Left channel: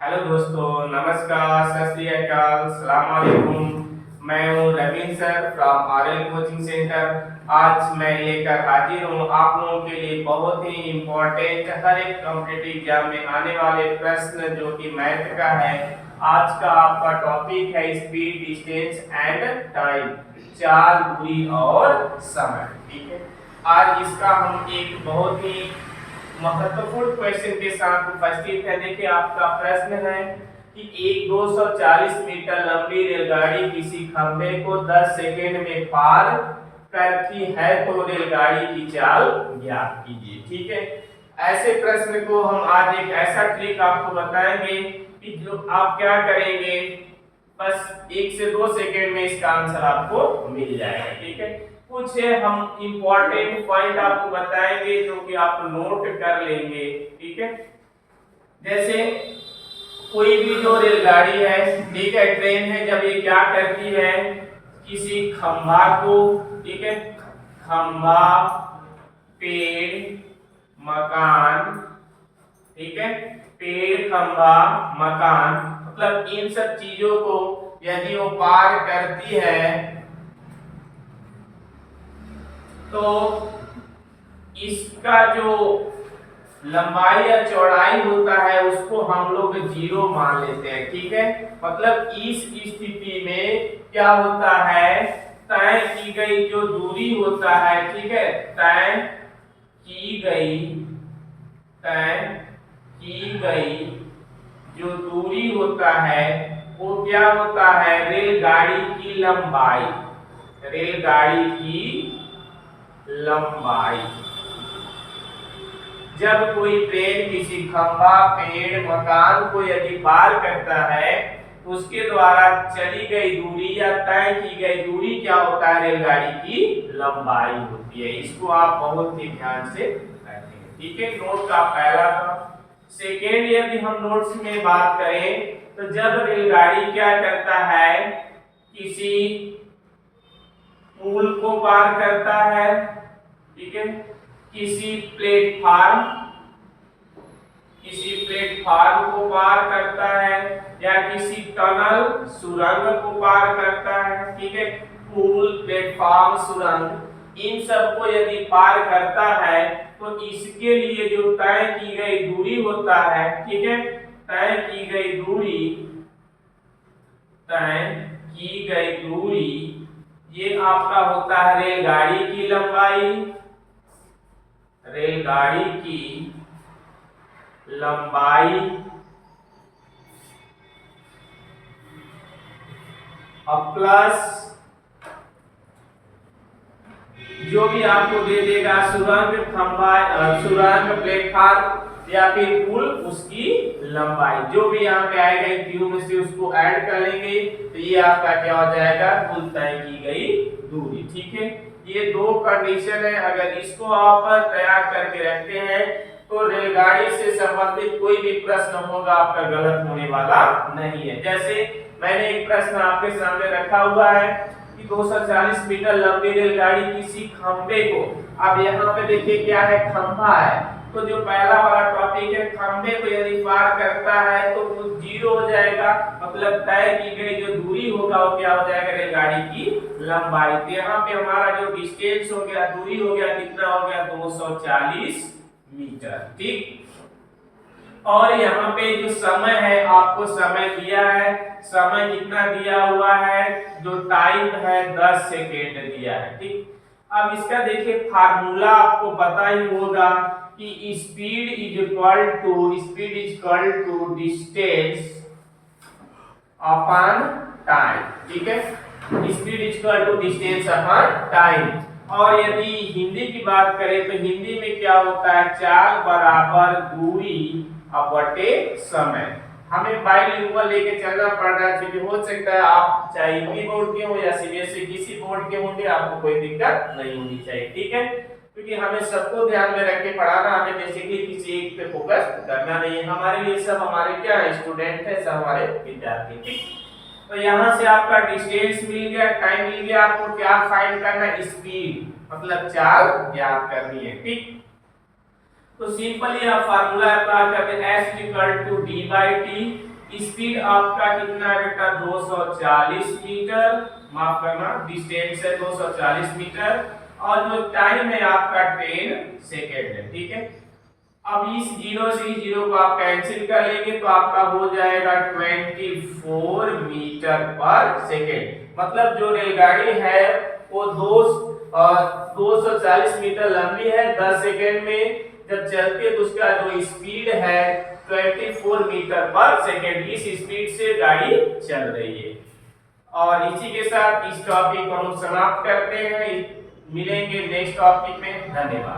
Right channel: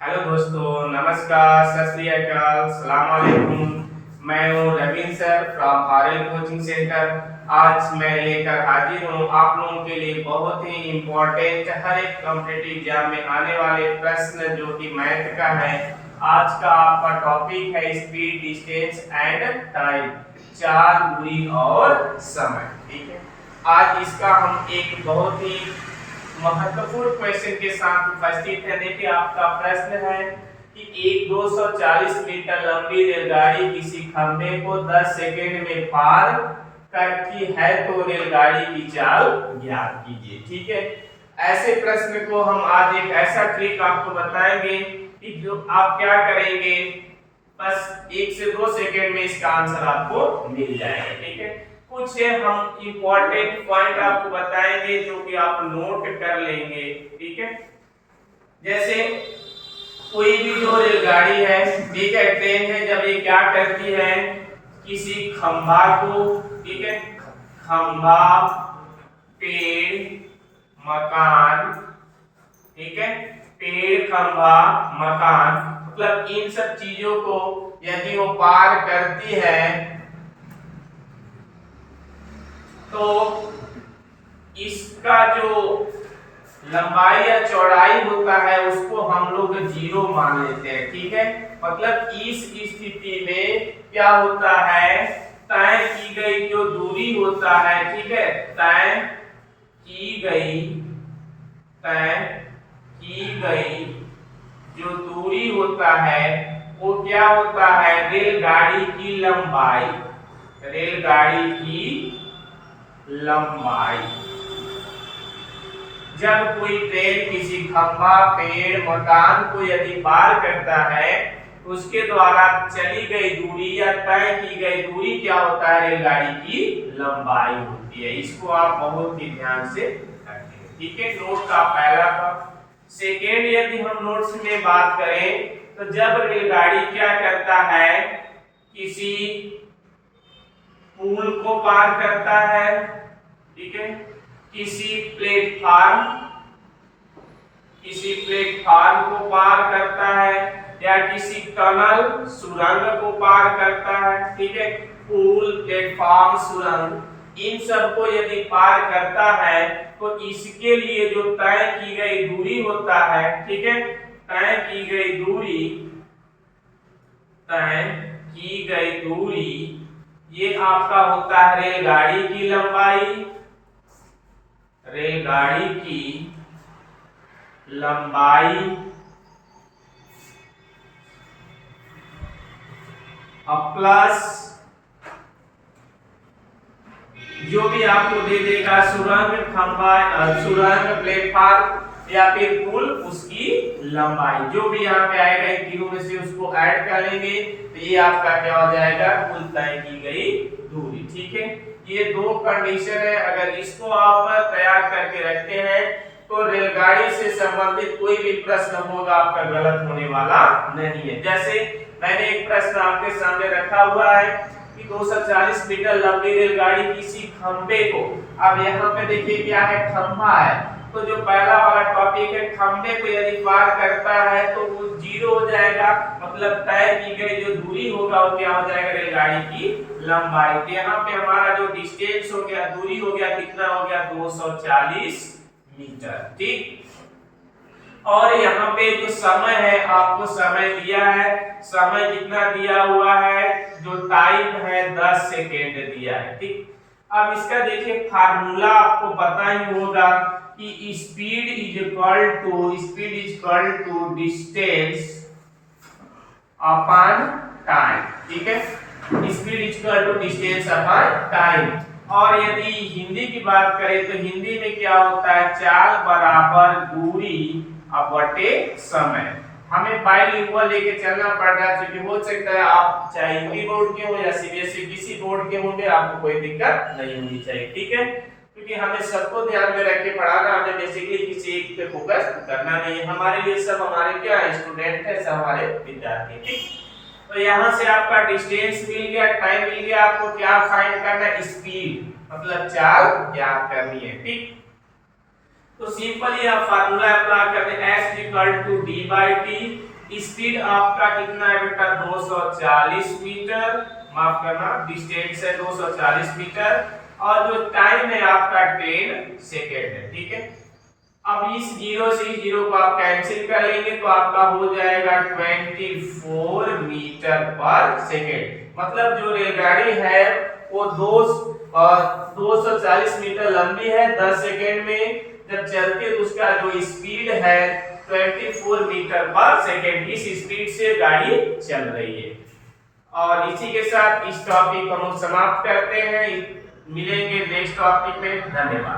Hello दोस्तों, नमस्कार, सत श्री अकाल, सलाम वालेकुम। मैं हूँ Raveen sir from RL coaching centre. आज मैं लेकर हाजिर हूँ आप लोगों के लिए बहुत ही इम्पोर्टेंट हर एक कॉम्पिटिटिव एग्जाम में आने वाले प्रश्न जो कि मैथ का है। आज का आपका टॉपिक है स्पीड, डिस्टेंस एंड टाइम, चाल, दूरी और समय। ठीक है, आज इसका हम एक बहुत ही महत्वपूर्ण क्वेश्चन के साथ उपस्थित है। देखिए, आपका प्रश्न है कि एक 240 मीटर लंबी रेलगाड़ी किसी खंभे को 10 सेकंड में पार करती है तो रेलगाड़ी की चाल ज्ञात कीजिए। ठीक है, ऐसे प्रश्न को हम आज एक ऐसा ट्रिक आपको बताएंगे कि जो आप क्या करेंगे, बस 1 से 2 सेकंड में इसका आंसर आपको मिल जाएगा। ठीक है, कुछ हम इंपॉर्टेंट पॉइंट आपको बताएंगे जो कि आप नोट कर लेंगे। ठीक है, जैसे कोई भी जो रेलगाड़ी है, ठीक है, ट्रेन है, जब ये क्या करती है, किसी खंभा को, ठीक है, खंभा, पेड़, मकान, ठीक है, पेड़, खंभा, मकान, मतलब इन सब चीजों को यदि वो पार करती है तो इसका जो लंबाई या चौड़ाई होता है उसको हम लोग 0 मान लेते हैं। ठीक है, मतलब इस स्थिति में क्या होता है, तय की गई जो दूरी होता है, ठीक है, तय की गई जो दूरी होता है वो क्या होता है, रेलगाड़ी की लंबाई, रेलगाड़ी की लंबाई। जब कोई ट्रेन किसी खंभा, पेड़, मकान को यदि पार करता है तो उसके द्वारा चली गई दूरी या तय की गई दूरी क्या होता है, रेलगाड़ी की लंबाई होती है। इसको आप बहुत ही ध्यान से रखें। ठीक है, नोट का पहला। सेकेंड, यदि हम नोट्स में बात करें तो जब रेलगाड़ी क्या करता है, किसी पुल को पार करता है, ठीक है, किसी प्लेटफार्म को पार करता है या किसी टनल, सुरंग को पार करता है, ठीक है, पुल, प्लेटफार्म, सुरंग, इन सब को यदि पार करता है तो इसके लिए जो तय की गई दूरी होता है, ठीक है, तय की गई दूरी ये आपका होता है रेलगाड़ी की लंबाई, रेलगाड़ी की लंबाई प्लस जो भी आपको दे देगा सुरंग, खंभा, सुरंग, प्लेटफार्म या फिर पुल, उसकी लंबाई जो भी यहाँ पे आएगा इन तीनों में से उसको ऐड कर लेंगे तो ये आपका क्या हो जाएगा, कुल तय की गई दूरी। ठीक है, ये दो कंडीशन है, अगर इसको आप तैयार करके रखते हैं तो रेलगाड़ी से संबंधित कोई भी प्रश्न होगा आपका गलत होने वाला नहीं है। जैसे मैंने एक प्रश्न आपके सामने रखा हुआ है कि 240 मीटर लंबी रेलगाड़ी किसी खंबे को, अब यहाँ पे देखिए क्या है, खंभा है, तो जो पहला वाला टॉपिक है, खंबे को यदि पार करता है तो वो 0 हो जाएगा, मतलब तय की गई जो दूरी होगा वो क्या हो जाएगा, रेलगाड़ी की लंबाई। तो यहाँ पे हमारा जो डिस्टेंस हो गया, दूरी हो गया, कितना हो गया, 240 मीटर। ठीक, और यहाँ पे जो समय है, आपको समय दिया है, समय कितना दिया हुआ है, जो टाइम है 10 सेकेंड दिया है। ठीक, अब इसका देखिए फार्मूला आपको पता ही होगा कि speed is equal to distance upon time. ठीक है, speed is equal to distance upon time. और यदि हिंदी की बात करें तो हिंदी में क्या होता है, चाल बराबर दूरी बटे समय। हमें बाइलिंगुअल लेके चलना पड़ रहा है, क्योंकि हो सकता है आप चाहे हिंदी बोर्ड के हो या सीबीएसई किसी बोर्ड के होंगे, आपको कोई दिक्कत नहीं होनी चाहिए। ठीक है, क्योंकि हमें सबको ध्यान में रख के पढ़ाना, हमें बेसिकली किसी एक पे फोकस करना नहीं है। हमारे लिए सब हमारे क्या है, स्टूडेंट है, सब हमारे विद्यार्थी। ठीक, तो यहाँ से आपका डिस्टेंस मिल गया, टाइम मिल गया, आपको क्या फाइंड करना है, स्पीड, मतलब चाल ज्ञात करनी है। ठीक, तो सिंपली आप फार्मूला अप्लाई करते हैं s equal to d by T. Speed आपका कितना है बेटा 240 मीटर, माफ करना डिस्टेंस है 240 मीटर, और जो टाइम है आपका 10 सेकेंड है। ठीक है, अब इस जीरो से जीरो को आप कैंसिल कर लेंगे तो आपका हो जाएगा 24 मीटर पर सेकेंड। मतलब जो रेलगाड़ी है वो 240 मीटर लंबी है, 10 सेकेंड में जब चलती है तो उसका जो स्पीड है 24 मीटर पर सेकेंड, इस स्पीड से गाड़ी चल रही है। और इसी के साथ इस टॉपिक को हम समाप्त करते हैं। मिलेंगे नेक्स्ट टॉपिक में। धन्यवाद।